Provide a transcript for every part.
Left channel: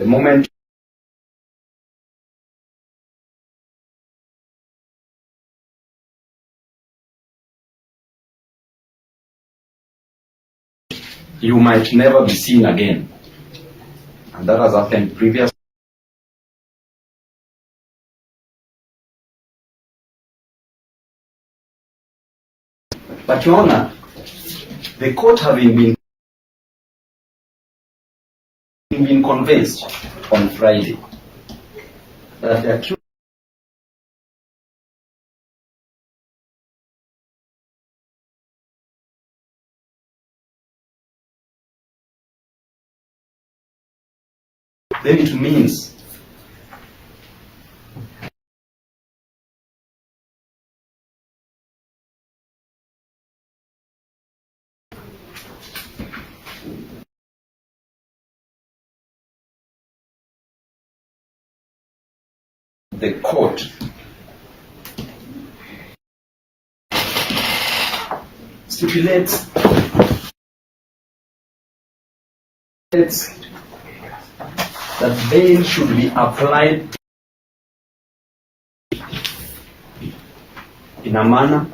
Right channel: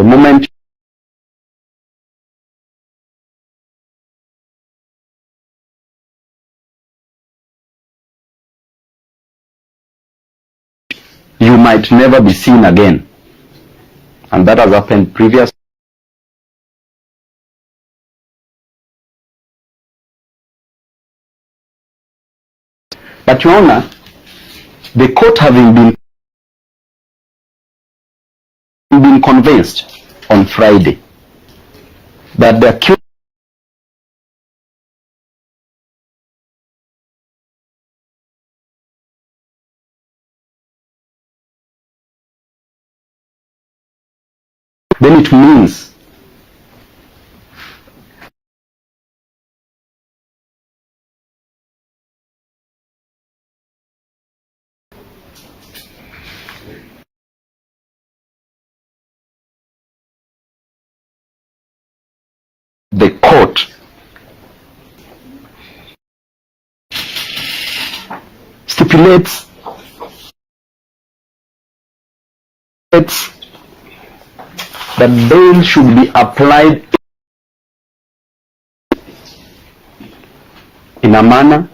The moment you might never be seen again. And that has happened previously. But Your Honor, the court having been convinced on Friday that the accused then it means the court stipulates that bail should be applied in a manner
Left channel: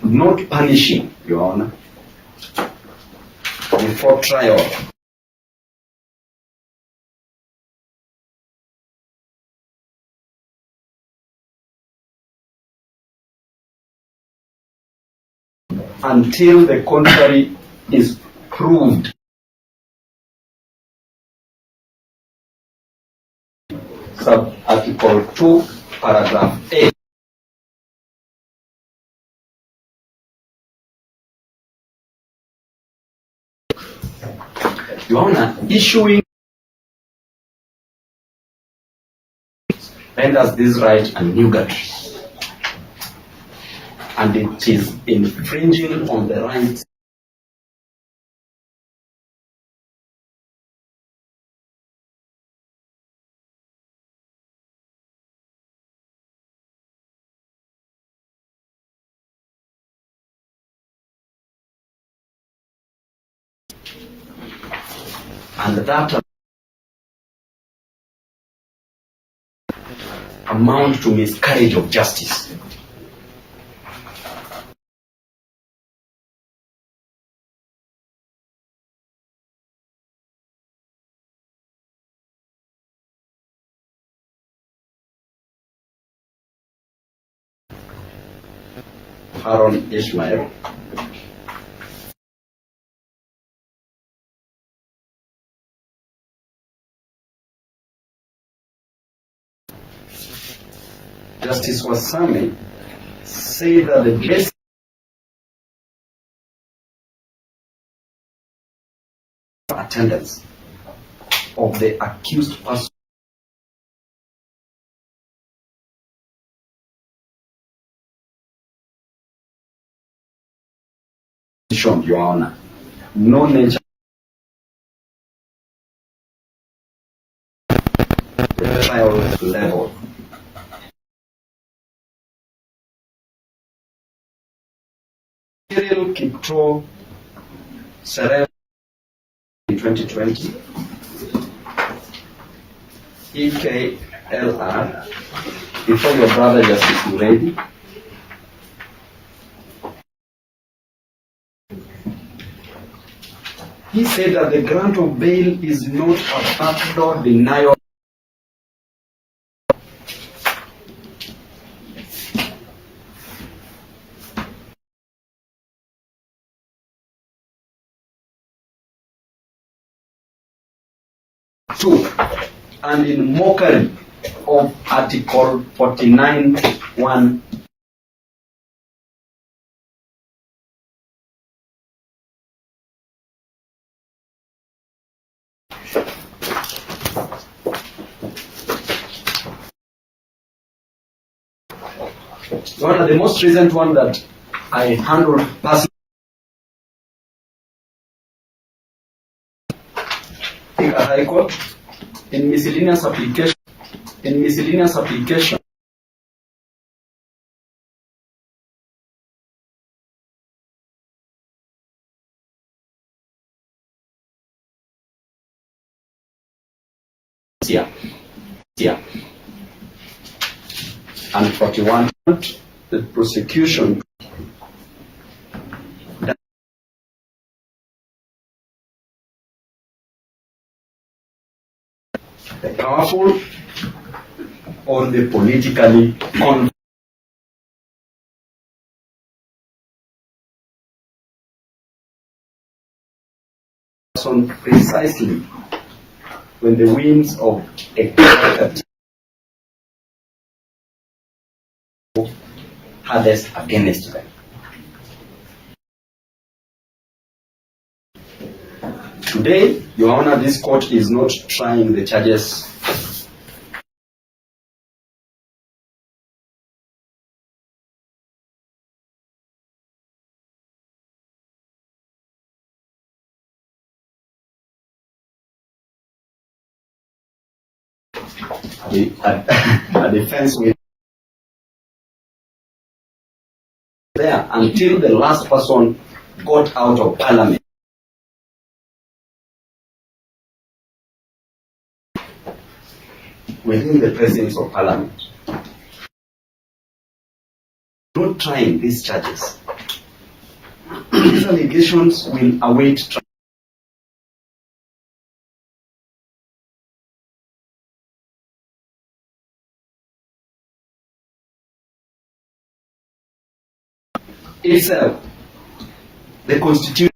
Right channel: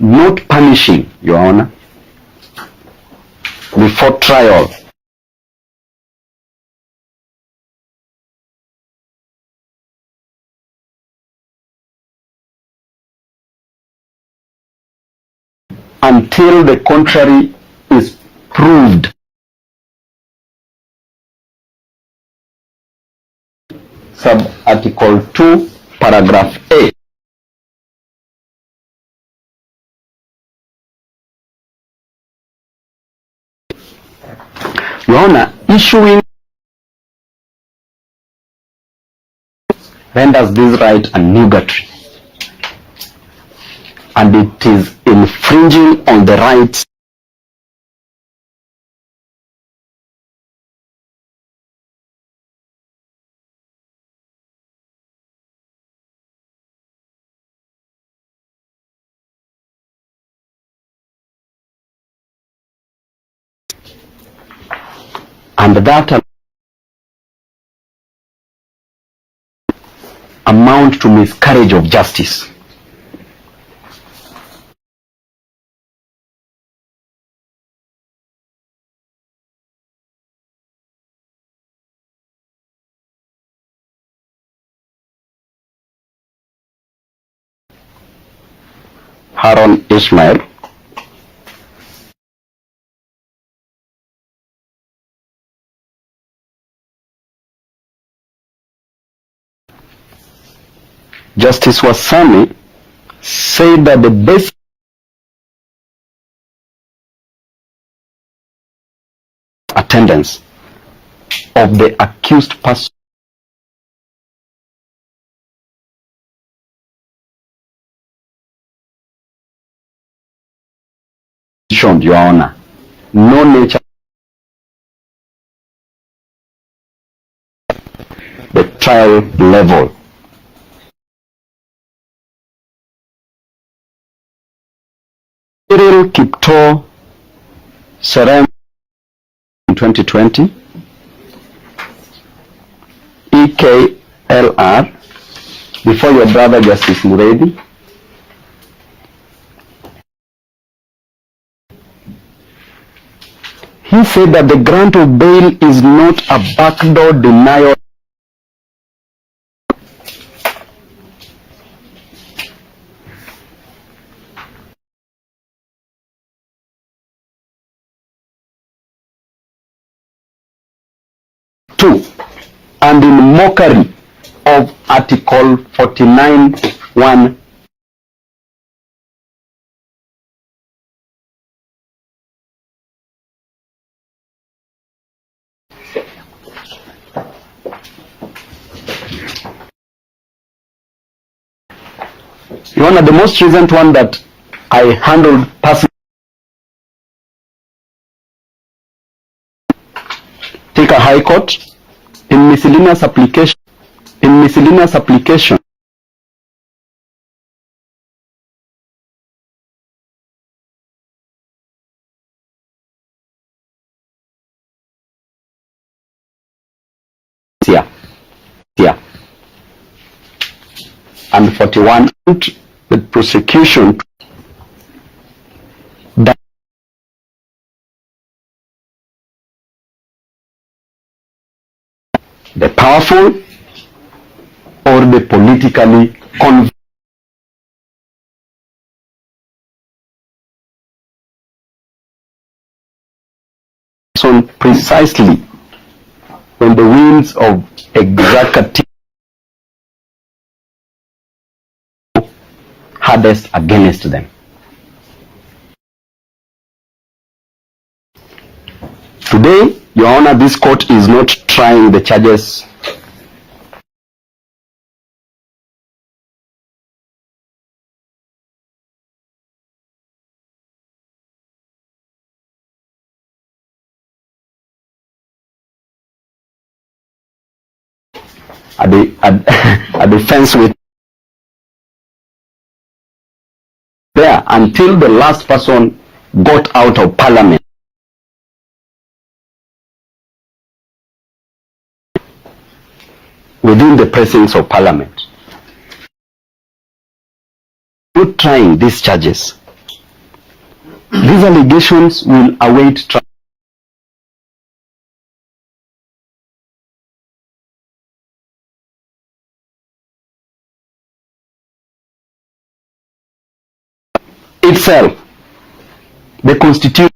not punishing, Your Honor, before trial. Until the contrary is proved. Sub-Article 2, Paragraph A. Your Honor, issuing renders this right a nugatory, and it is infringing on the rights and that amount to miscarriage of justice. Haron Ismail, Justice Wasami said that the best attendance of the accused person Your Honor, no nature the trial level. Cyril Kipto Serem in 2020, EKLR, before your brother Justice Muredi. He said that the grant of bail is not a backdoor denial. Two, and in mockery of Article 49(1). Your Honor, the most recent one that I handled personally, take a high court in miscellaneous application and 41 the prosecution that the powerful or the politically convinced precisely when the winds of executive hardest against them. Today, Your Honor, this court is not trying the charges at the fence with there until the last person got out of parliament. Within the precincts of parliament. Not trying these charges. These allegations will await trial. Itself, the Constitution,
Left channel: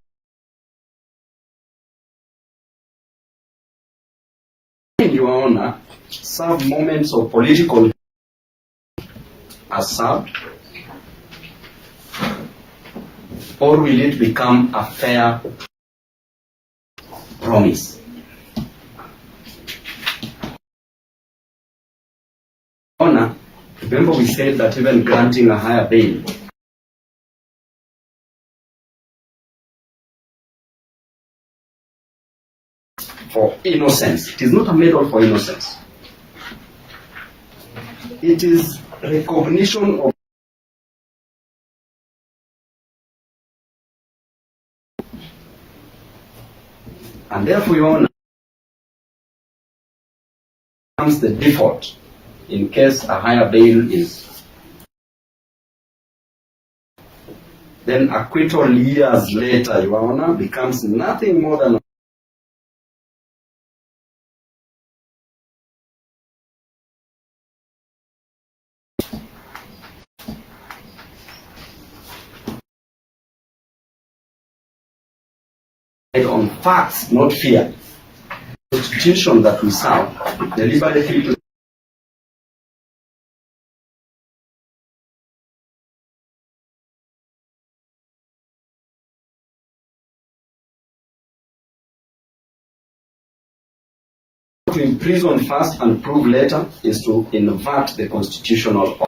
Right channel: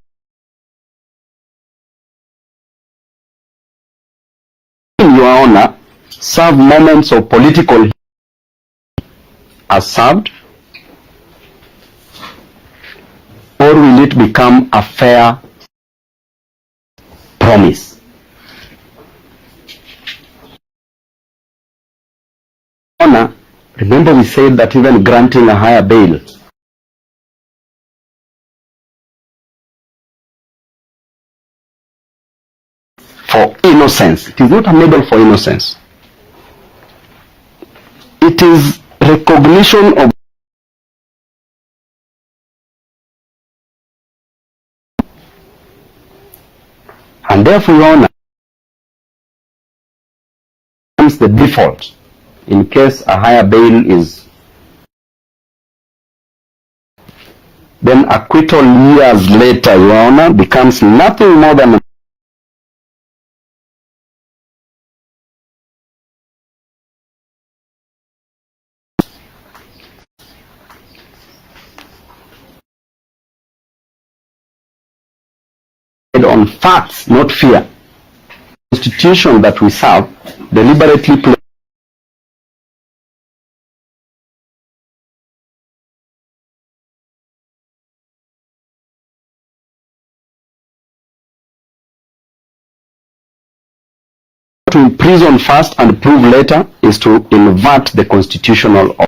Your Honor, serve moments of political as served, or will it become a fair promise? Your Honor, remember we said that even granting a higher bail for innocence, it is not a medal for innocence. It is recognition of and therefore, Your Honor, becomes the default in case a higher bail is then acquittal years later, Your Honor, becomes nothing more than on facts, not fear. The Constitution that we serve deliberately to imprison first and prove later is to invert the constitutional order.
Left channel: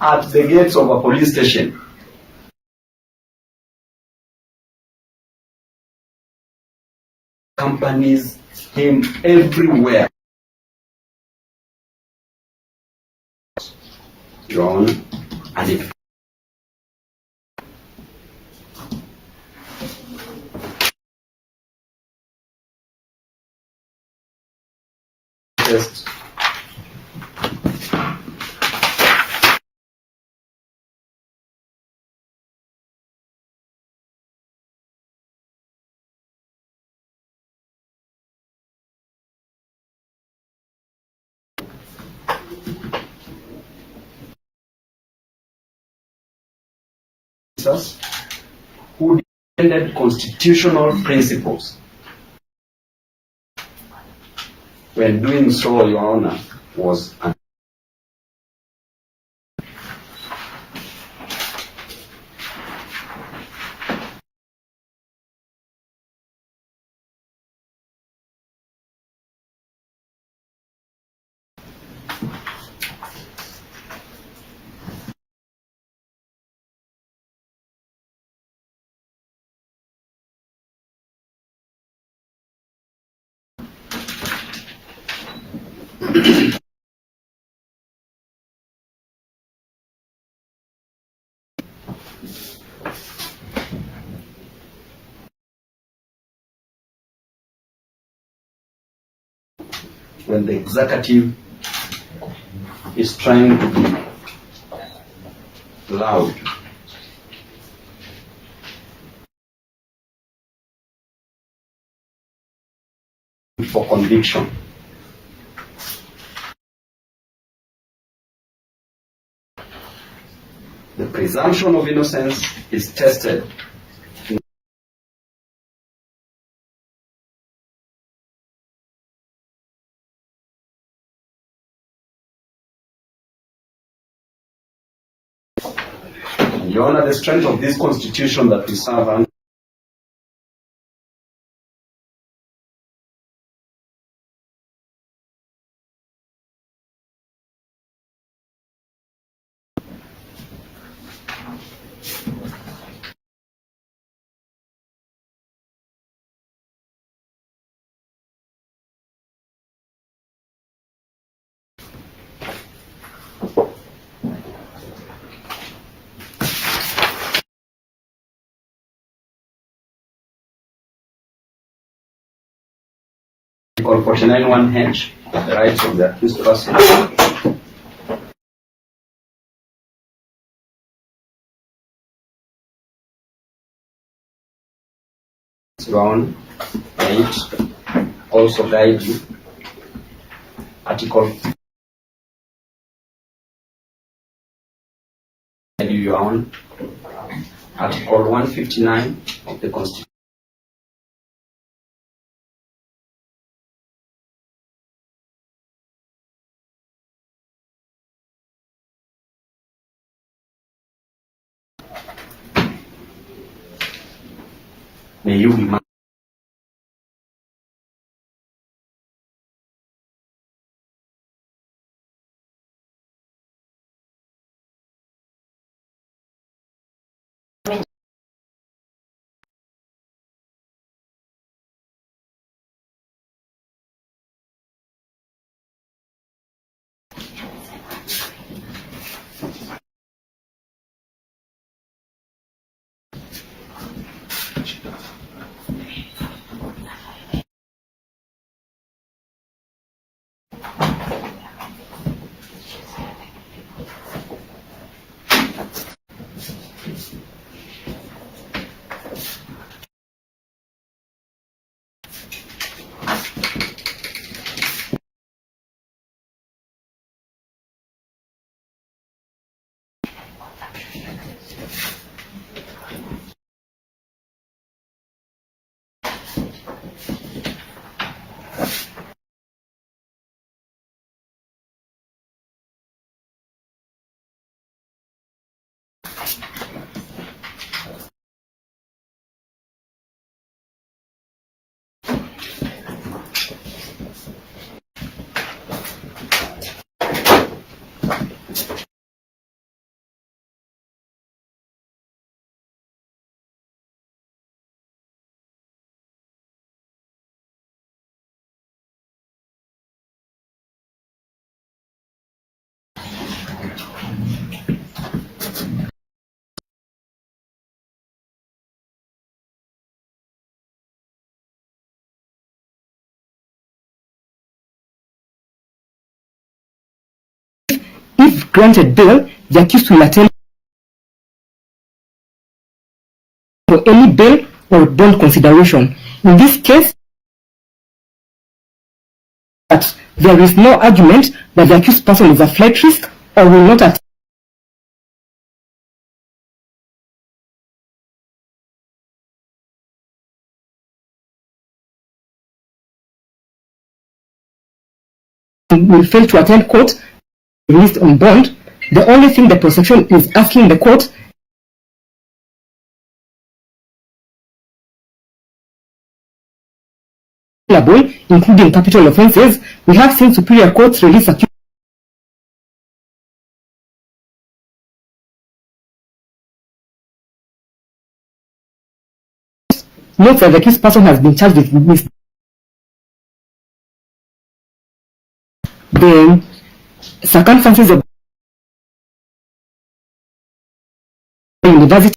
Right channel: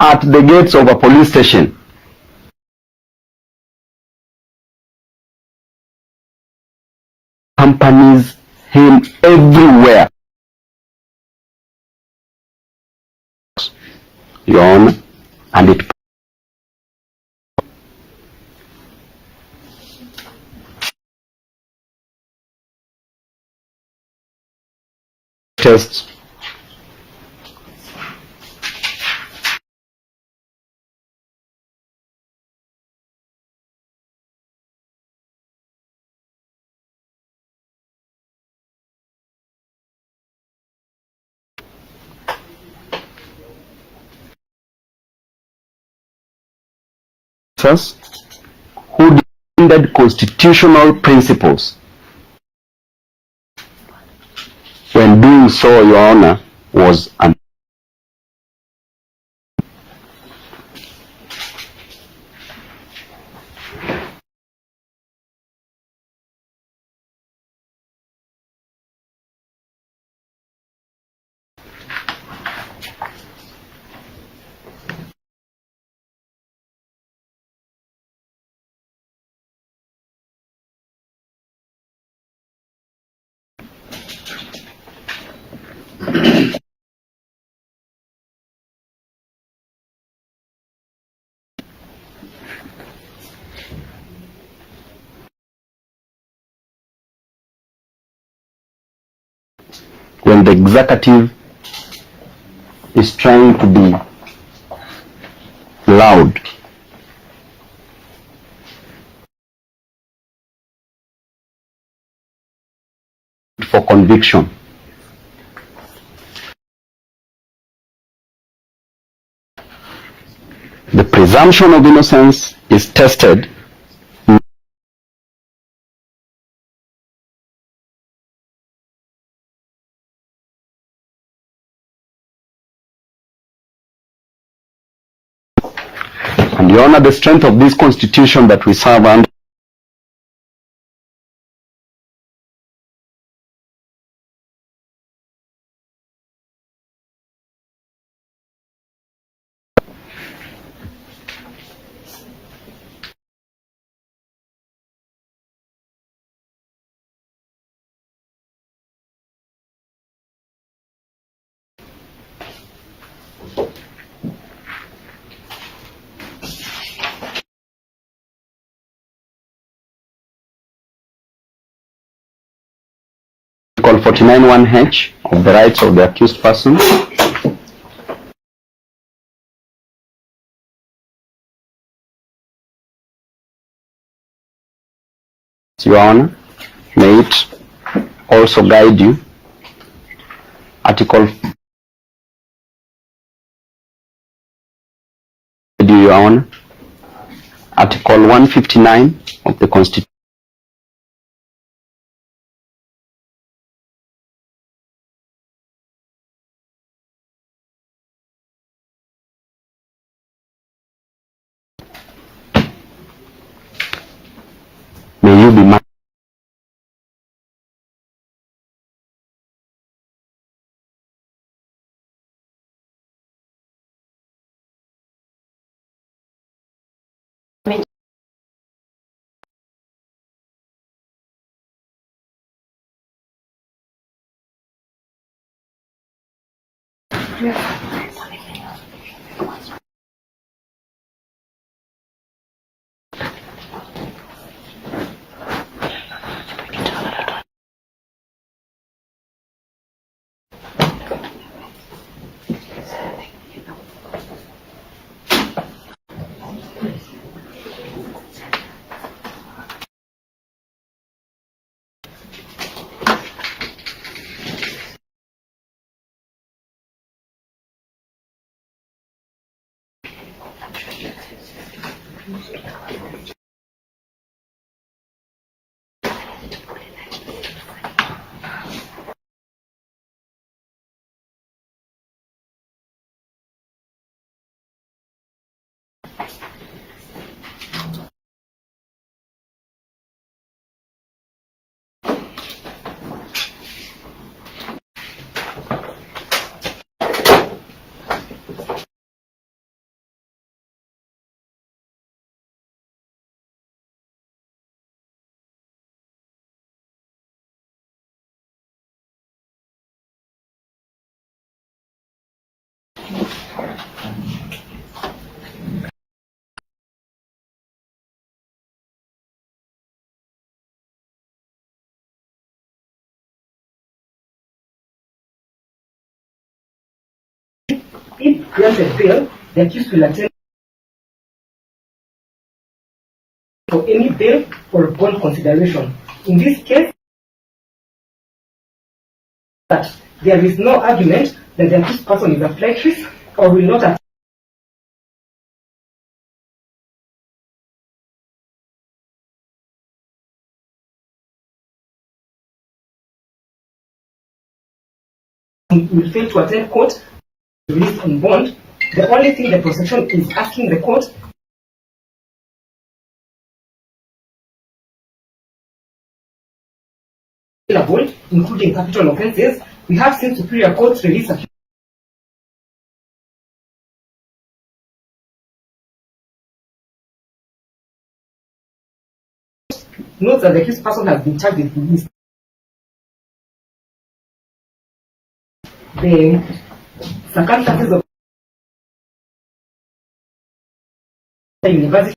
At the gates of a police station, accompanies him everywhere. Your Honor, and it tests who defended constitutional principles. When doing so, Your Honor, was an when the executive is trying to be loud. For conviction. The presumption of innocence is tested and Your Honor, the strength of this constitution that we serve under Article 49(1)(h) of the rights of the accused person. Your Honor, may it also guide you. Article Your Honor, Article 159 of the Constitution. May you be If granted bail, the accused will attend for any bail or bond consideration. In this case, that there is no argument that the accused person is a flight risk or will not attend. Will fail to attend court, released on bond. The only thing the prosecution is asking the court including capital offences. We have seen superior courts release accused. Note that the accused person has been charged with the circumstances of the university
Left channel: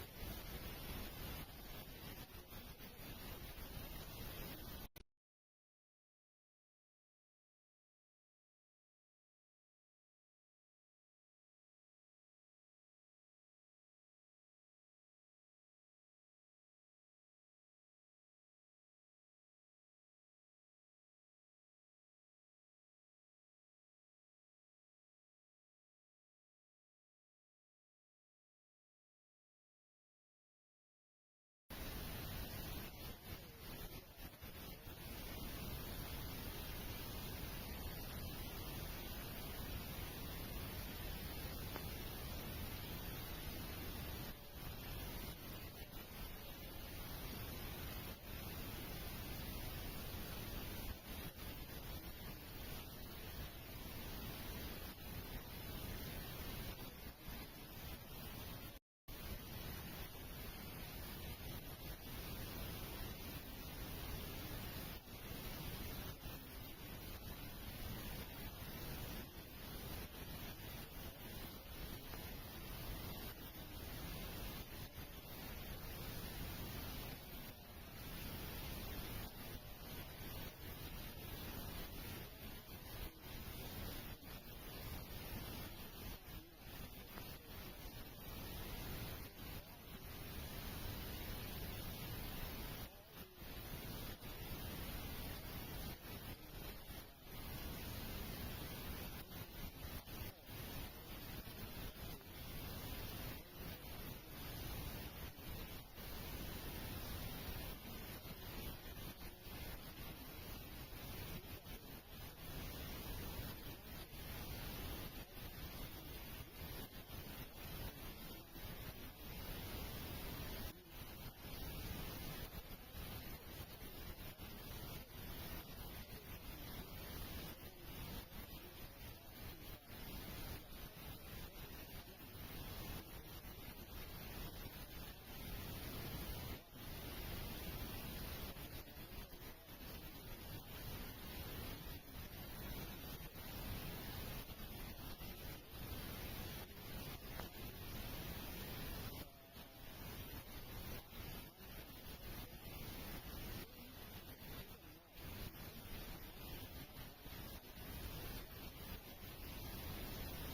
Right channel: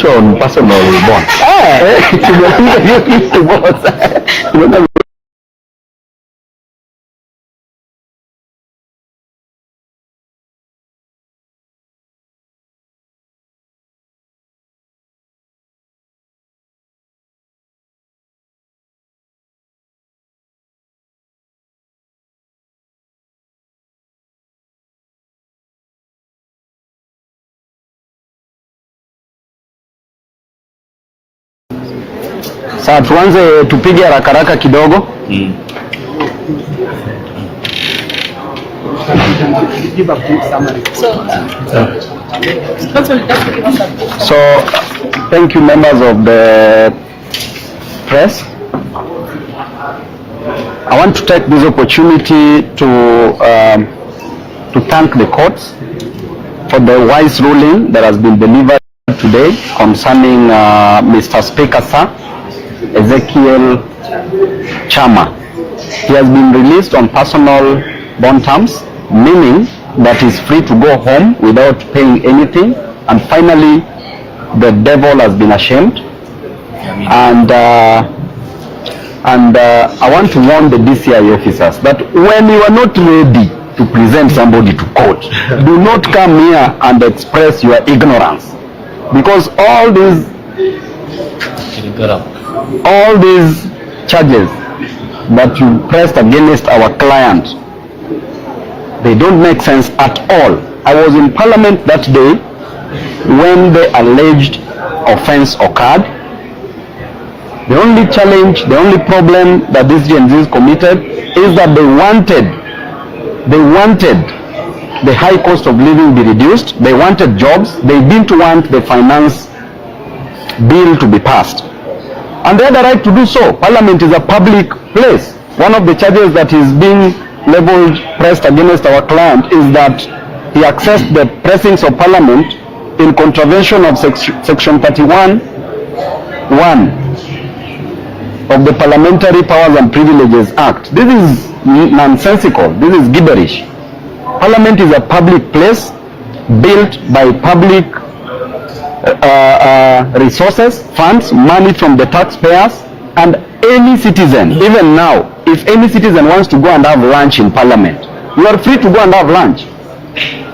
tumeachwa on personal bond. Tumepiga hiyo kitu boss. Sasa tuanze, tupige haraka haraka kidogo. So, thank you members of the press. I want to take this opportunity to thank the courts for the wise ruling that has been delivered today concerning Mr. Speaker Sir Ezekiel Chama. He has been released on personal bond terms, meaning that he's free to go home without paying anything, and finally the devil has been ashamed. And I want to warn the DCI officers that when you are not ready to present somebody to court, do not come here and express your ignorance, because all these charges that you pressed against our client, they don't make sense at all. I was in Parliament that day when the alleged offense occurred. The only challenge, the only problem that these Gen Zs committed is that they wanted the high cost of living be reduced. They wanted jobs. They didn't want the finance bill to be passed. And they had the right to do so. Parliament is a public place. One of the charges that is being pressed against our client is that he accessed the precincts of Parliament in contravention of Section 31(1) of the Parliamentary Powers and Privileges Act. This is nonsensical. This is gibberish. Parliament is a public place built by public resources, funds, money from the taxpayers, and any citizen, even now, if any citizen wants to go and have lunch in Parliament, you are free to go and have lunch.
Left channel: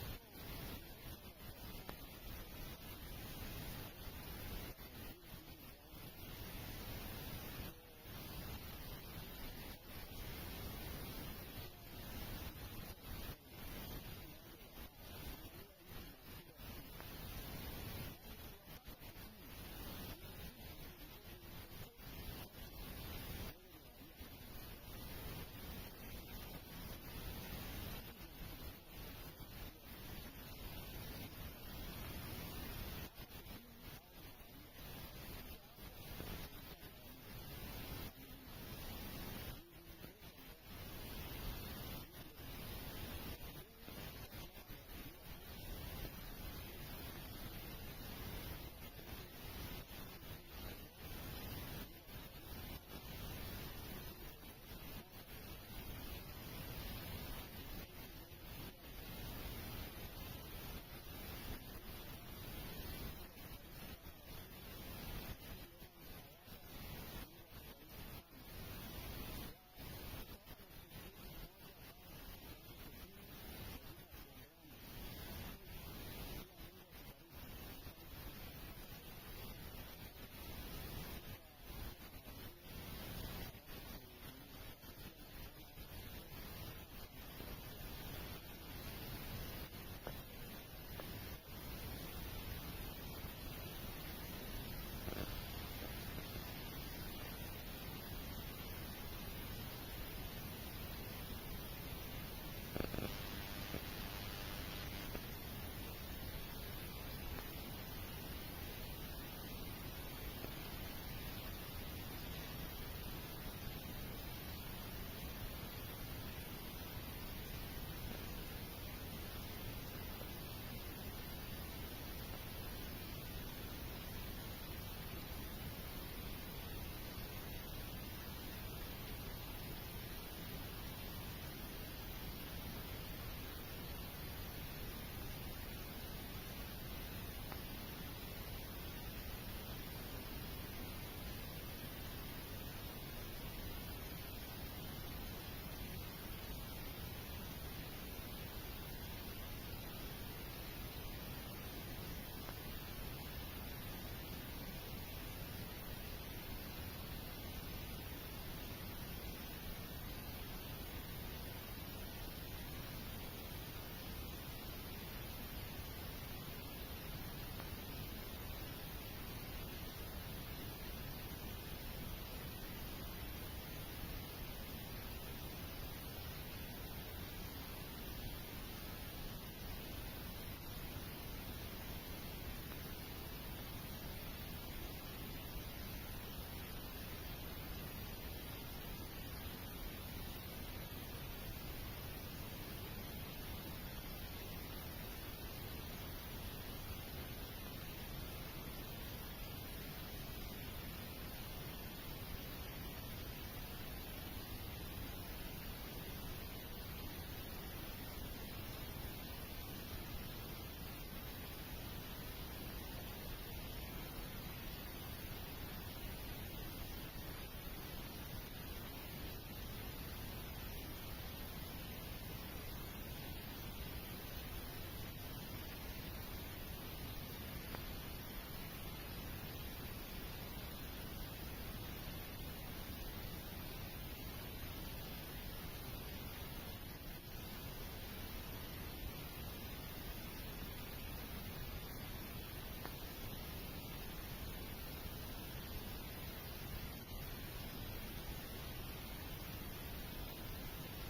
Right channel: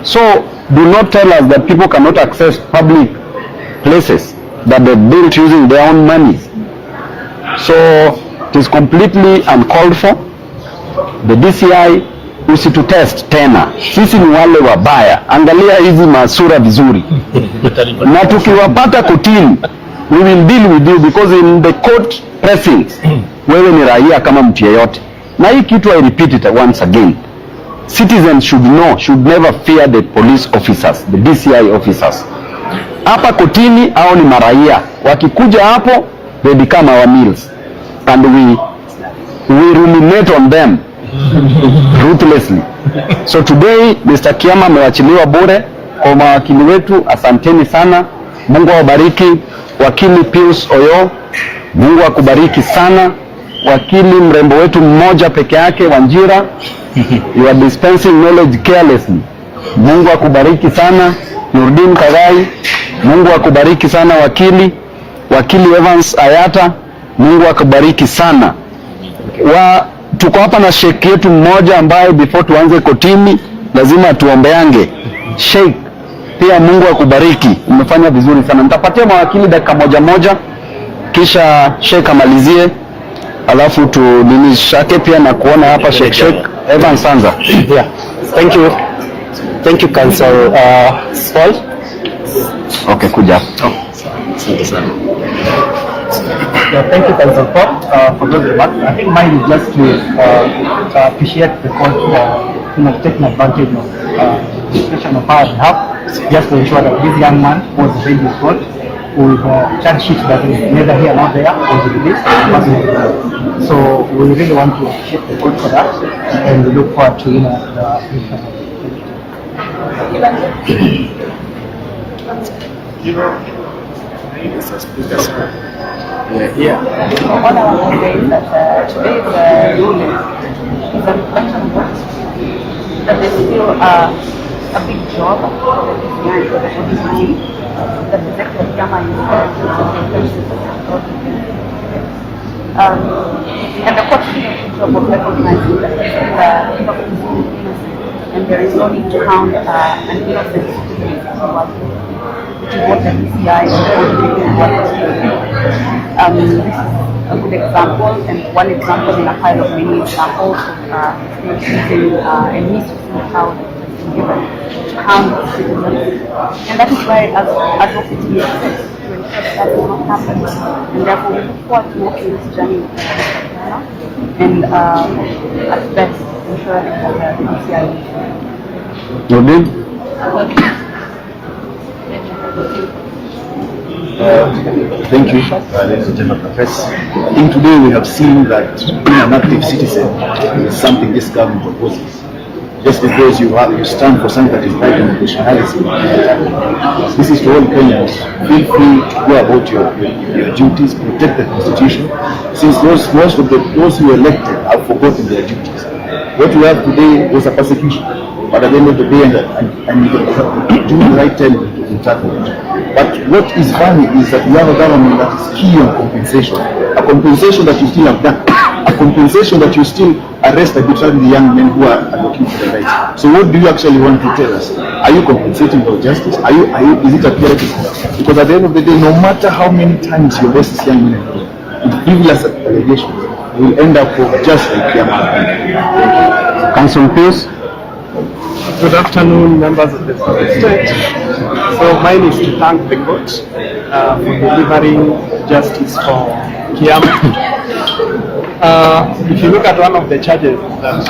So do not tell us that people cannot access public places that they built using their own monies. So it is completely uncalled for. The DCI usitutest tena, sisi ni wale wabaya. Angalia hizi masura vizuri na tukiwapata kotini, we will deal with you, because in the court pressings wewe ni raia kama mtu yeyote. Na hii kitu, I repeat it once again, citizens should know, should never fear the police officers, the DCI officers. Hapa kotini hao ni maraia, wakikuja hapo they become our meals, and we ruminate on them ruthlessly. So today Mr. Kiama amewachiliwa bure. Kwa mawakili wetu, asanteni sana. Mungu awabariki. Wakili Pius Oyo, Mungu akubariki sana. Wakili mrembo wetu mmoja peke yake, Wanjira, you are dispensing knowledge carelessly. Mungu akubariki sana. Nurdin Kagai, Mungu akubariki sana. Wakili Evans Ayata, Mungu akubariki sana. Tuko hapa na sheikh yetu mmoja ambaye before tuanze kotini lazima tuombeange. Sheikh pia, Mungu akubariki, umefanya vizuri sana. Nitapatia mawakili dakika moja kisha sheikh amalizie, alafu tunishake pia na kuona hapa Sheikh Evan Sanza. Yeah. Thank you Council Paul. Okay, kuja. Yeah, thank you Council Paul for those remarks. I think mine is just to appreciate the court for taking advantage of the situation of power we have, just to ensure that this young man was released in court with a charge sheet that is neither here nor there, was released. So we really want to appreciate the court for that, and we look forward to All I want to say is that today's ruling is a reflection of what that there's still a big job for the DCI, for the police team, that rejected Kiama in and the court did a good job of recognizing that and there is no need to count an innocent citizen, which is what the DCI and the this is a good example, and one example in a pile of many examples of using a misusing power that has been given to count citizens. And that is why, as advocates, we exist to ensure that that will not happen. And therefore, we look forward to walking this journey with Ghana and at best ensuring that the DCI Your name? Thank you, ladies and gentlemen of the press. I think today we have seen that being an active citizen is something this government proposes. Just because you stand for something that is right and nationalism, this is to all Kenyans. Feel free to go about your duties, protect the constitution, since most of those who were elected have forgotten their duties. What we have today was a persecution, but at the end of the day, and you do the right time to tackle it. But what is funny is that we have a government that is key on compensation. A compensation that you still have done. A compensation that you still arrest arbitrarily the young men who are advocating for their rights. So what do you actually want to tell us? Are you compensating for justice? Is it a purity? Because at the end of the day, no matter how many times you arrest these young men with frivolous allegations, you will end up just like Kiama. Council, please. Good afternoon, members of the state. So mine is to thank the court for delivering justice for Kiama. If you look at one of the charges that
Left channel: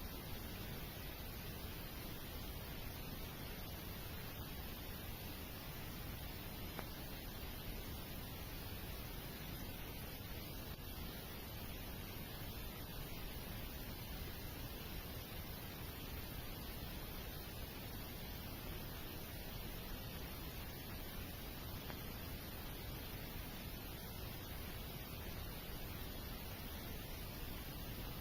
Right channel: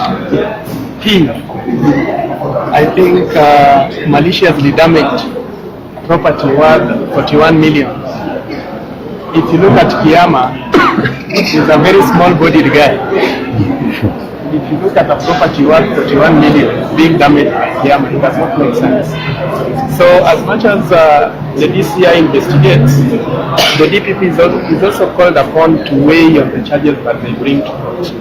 he, I think, maliciously damaged property worth 41 million. If you look at Kiama, he's a very small-bodied guy. If you look at a property worth 41 million being damaged by Kiama, it does not make sense. So as much as the DCI investigates, the DPP is also called upon to weigh on the charges that they bring to court.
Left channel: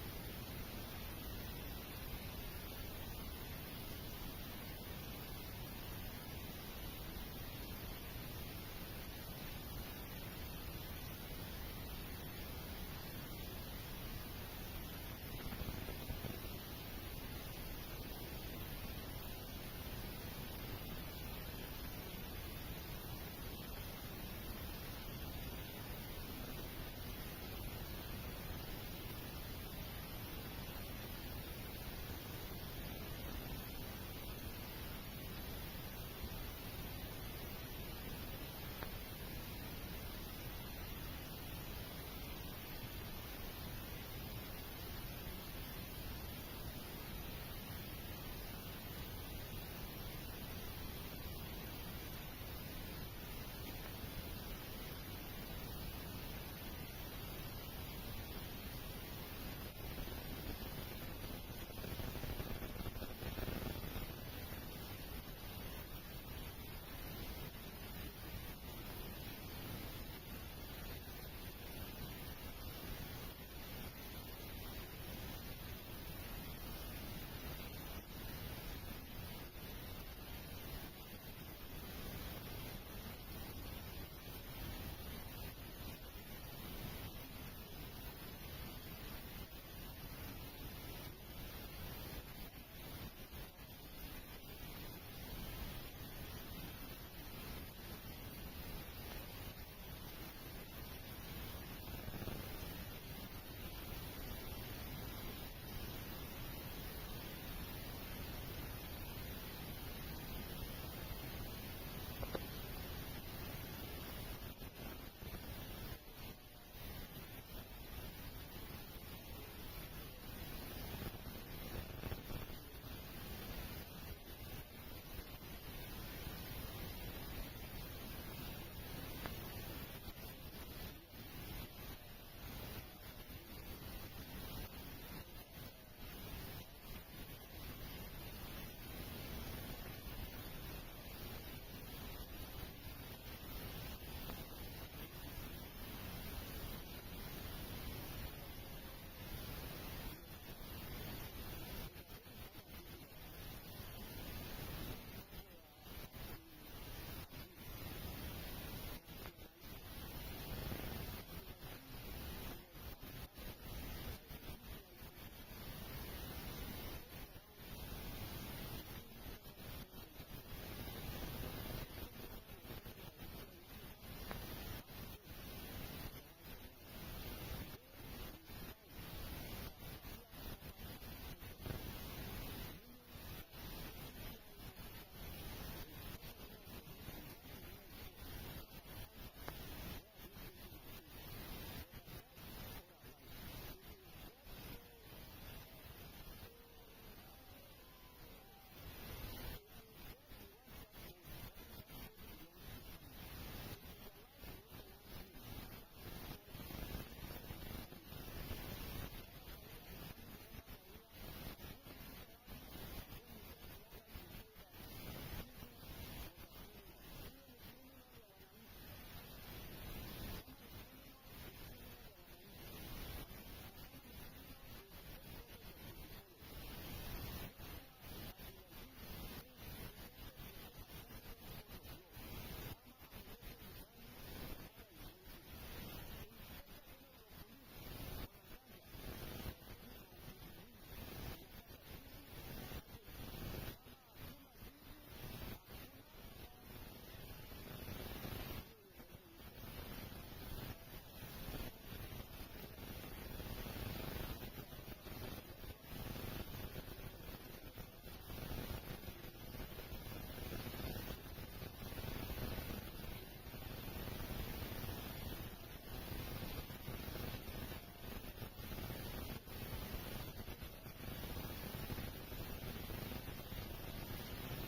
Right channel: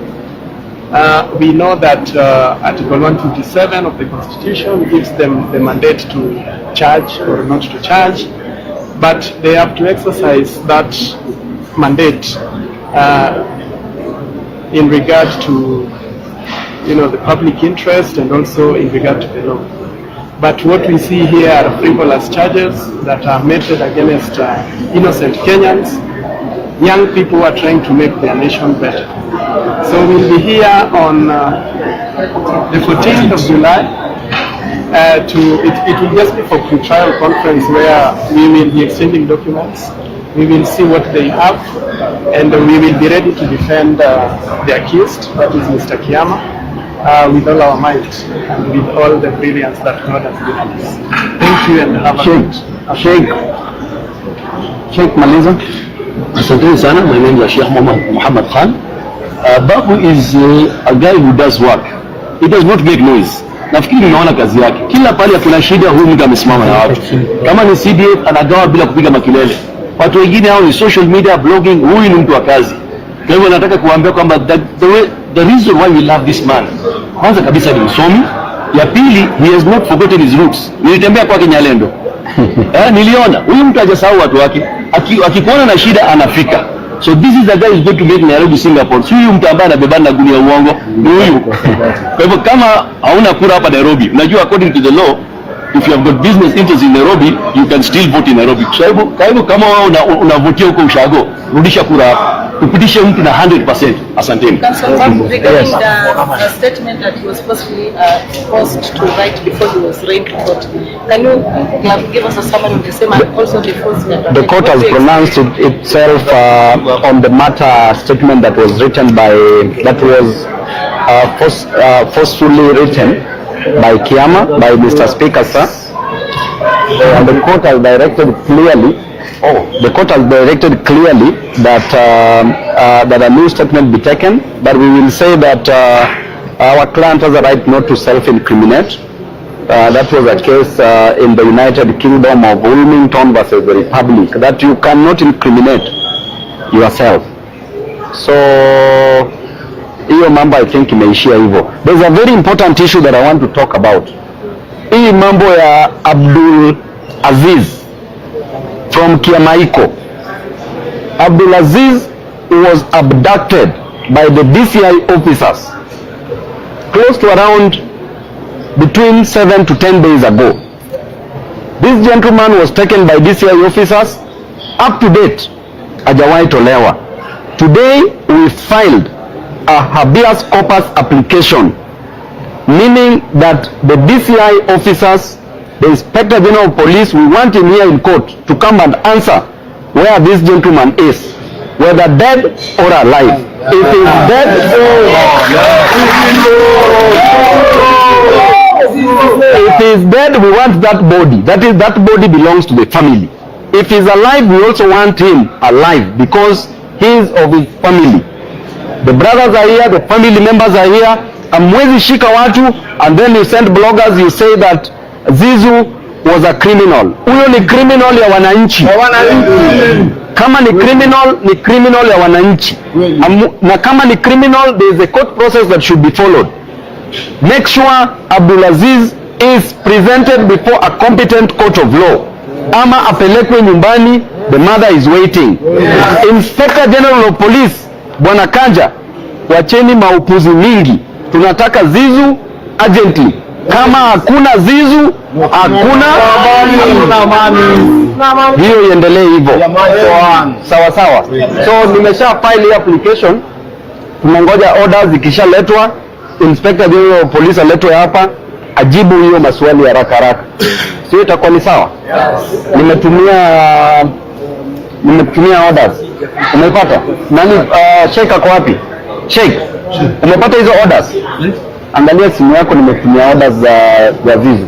We know that Article 157 of the Constitution gives them the mandate to charge or not to charge, but they have to exercise that mandate in regard to the public interest and also in regard to the law. But what we see here are frivolous charges that are meted against innocent Kenyans, young people who are trying to make their nation better. So we'll be here on the 14th of July. It will just be for pre-trial conference where we will be exchanging documents. We will see what they have, and we will be ready to defend the accused, that is Mr. Kiama, with all our might and with all the brilliance that God has given us. Thank you and have a good Sheikh Maliza. Asante sana. My name is Sheikh Muhammad Khan. Babu is a guy who does work. He does not make noise. Nafikiri unaona kazi yake. Kila pale kuna shida, huyu mtu amesimama na watu. Kama ni CDF anagawa bila kupiga makelele. Watu wengine hao ni social media, blogging, huyu ni mtu wa kazi. Kwa hivyo nataka kuambia kwamba the reason why we love this man, kwanza kabisa ni msomi. Ya pili, he has not forgotten his roots. Nilitembea kwake Nyalendo. Niliona huyu mtu hajasahau watu wake. Akikuona na shida anafika. So this is the guy who is going to make Nairobi Singapore. Si huyu mtu ambaye anabebana na gunia uongo, ni huyu. Kwa hivyo kama hauna kura hapa Nairobi, unajua according to the law, if you have got business interests in Nairobi, you can still vote in Nairobi. Kwa hivyo kama wewe unavotia huko Ushago, rudisha kura hapa. Tupitishe mtu na 100%. Asanteni. Regarding the statement that he was supposedly forced to write before he was arraigned to court, can you give us a summary of the same and also the forcement? The court has pronounced itself on the matter statement that was written forcefully written by Kiama, by Mr. Speaker, sir. And the court has directed clearly. The court has directed clearly that that a new statement be taken, but we will say that our client has a right not to self-incriminate. That was a case in the United Kingdom of Wilmington versus the Republic, that you cannot incriminate yourself. So hiyo mambo I think imeishia hivyo. There's a very important issue that I want to talk about. Hii mambo ya Abdul Aziz from Kiamaiko. Abdulaziz was abducted by the DCI officers close to around between 7 to 10 days ago. This gentleman was taken by DCI officers. Up to date, hajawahi tolewa. Today we filed a habeas corpus application, meaning that the DCI officers, the Inspector General of Police, we want him here in court to come and answer where this gentleman is, whether dead or alive. If he is dead, if he is dead, we want that body. That body belongs to the family. If he is alive, we also want him alive because he is of his family. The brothers are here, the family members are here. Amwezi shika watu and then you send bloggers, you say that Zizu was a criminal. Huyo ni criminal ya wananchi. Kama ni criminal ya wananchi. Na kama ni criminal, there is a court process that should be followed. Make sure Abdulaziz is presented before a competent court of law. Ama apelekwe nyumbani, the mother is waiting. Inspector General of Police, Bwana Kanja, wacheni maupuzi mingi. Tunataka Zizu urgently. Kama hakuna Zizu, hakuna amani. Hiyo iendelee hivyo. Sawa sawa. So nimesha file application. Tunangoja orders ikishaletwa, Inspector General of Police aletwe hapa ajibu hiyo maswali haraka haraka. Sio itakuwa ni sawa? Nimetumia orders. Umepata? Nani Sheikh ako wapi? Sheikh, umepata hizo orders? Angalia simu yako, nimetumia orders za Zizu.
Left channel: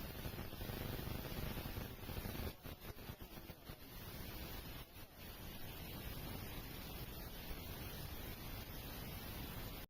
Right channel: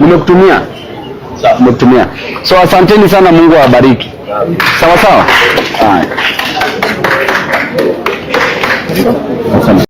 Nimekutumia. So asanteni sana, Mungu awabariki. Sawa sawa? Haya. Asante.